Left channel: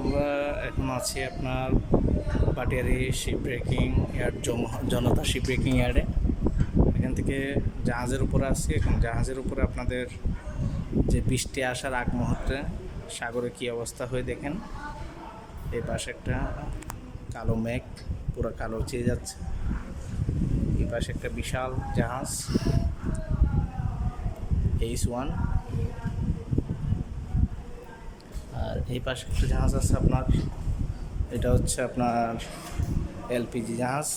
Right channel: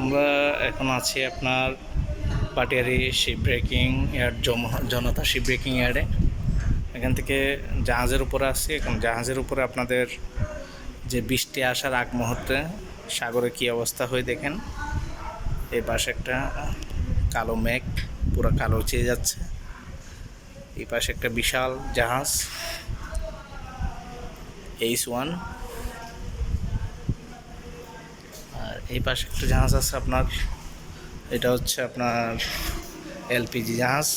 আমরা এখন আছি আপনার পাটিয়ারি শিপ ব্রেকিং ইয়ার্ড, জনতা শিপ ব্রেকিং ইয়ার্ডে। এখান থেকে জাহাজের উপরে আসছি। এখন জাহাজের উপরে আপনাদের যে বৃষ্টি আসার আগ মুহূর্তে সাগরে কী অবস্থা হয়ে দেখেন। এই পাশে একটা কালো মেঘ, পুরো কালো চেয়ে যাচ্ছে। এই পাশে একটা বিশাল জাহাজ H1, আর এই পাশে একটা জাহাজ আছে আপনার, এটা হচ্ছে আপনার এলপিজি জাহাজ।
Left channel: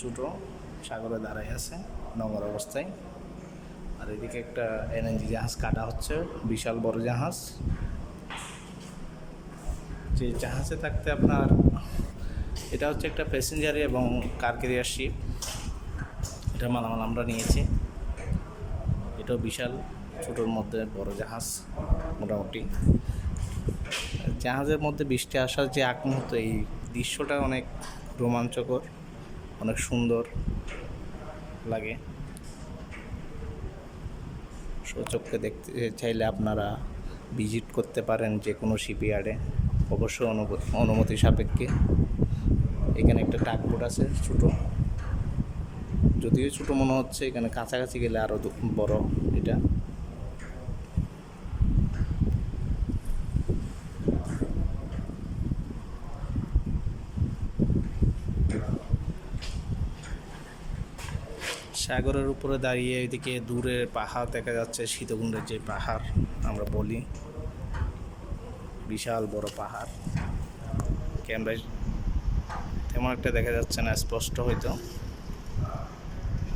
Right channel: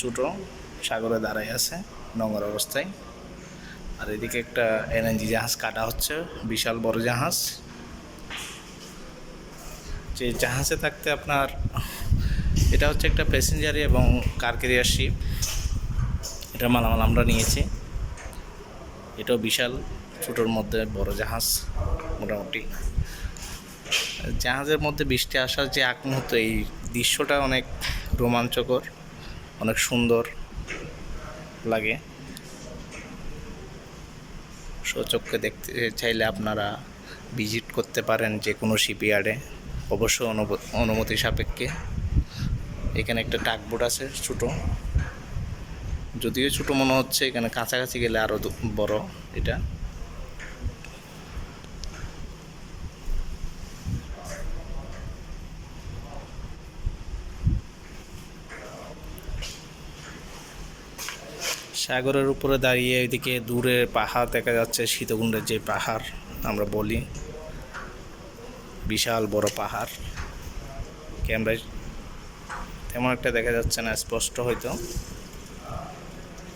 ছোটো সাগরে দাঁড়ায় আছে নোংর অবস্থায়। আর এদিকে একটা এলএনজি জাহাজ কাটা হচ্ছে, বিশাল বড় জাহাজ। যে জাহাজে থাকতে আপনার, এটা হচ্ছে একটা প্যাসেঞ্জারি এবং কার ক্যারিয়ার শিপ। এটা মালামাল আমরা নিয়েছি। এটাও বিশাল, ছোটোর মধ্যে বড় জাহাজ মোটামুটি। জাহাজের মধ্যে বৃষ্টি আসার যে আগ মুহূর্ত, এই দৃশ্যটা অনেক রোমাঞ্চকর, অনেক সুন্দর লাগে। সচক্ষে দেখতে চাইলে আপনারা ভিজিট করতে পারেন যে কোনো শিপইয়ার্ডে, অবশ্যই অনুমতি সাপেক্ষে। এখানে একটা টাকবোট আছে ছোটো, যদিও ছোটো মনে হচ্ছে, এখানে কাছাকাছি গেলে আরও বড় এটা। সাগরের উপরে দাঁড়িয়ে এদিকে দূরে পাহাড় দেখা যাচ্ছে, সীতাকুণ্ডের যে পাহাড় আমরা বলি, বিশাল বড় পাহাড়। ক্যামেরায় তেমন একটা দেখা যাচ্ছে না স্পষ্ট হয়তো,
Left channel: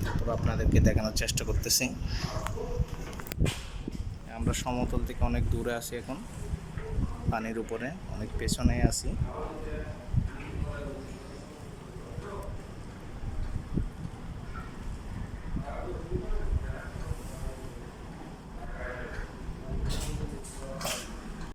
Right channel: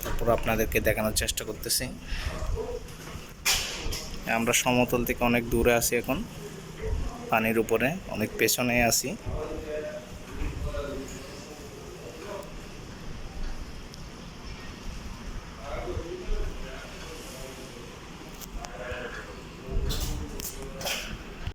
তারপর আপনাদেরকে দেখানোর চেষ্টা করতেছি। আমরা সমতল থেকে অনেক দূরে আছি, এখন পানির উপরে অনেক পেছনে আছি।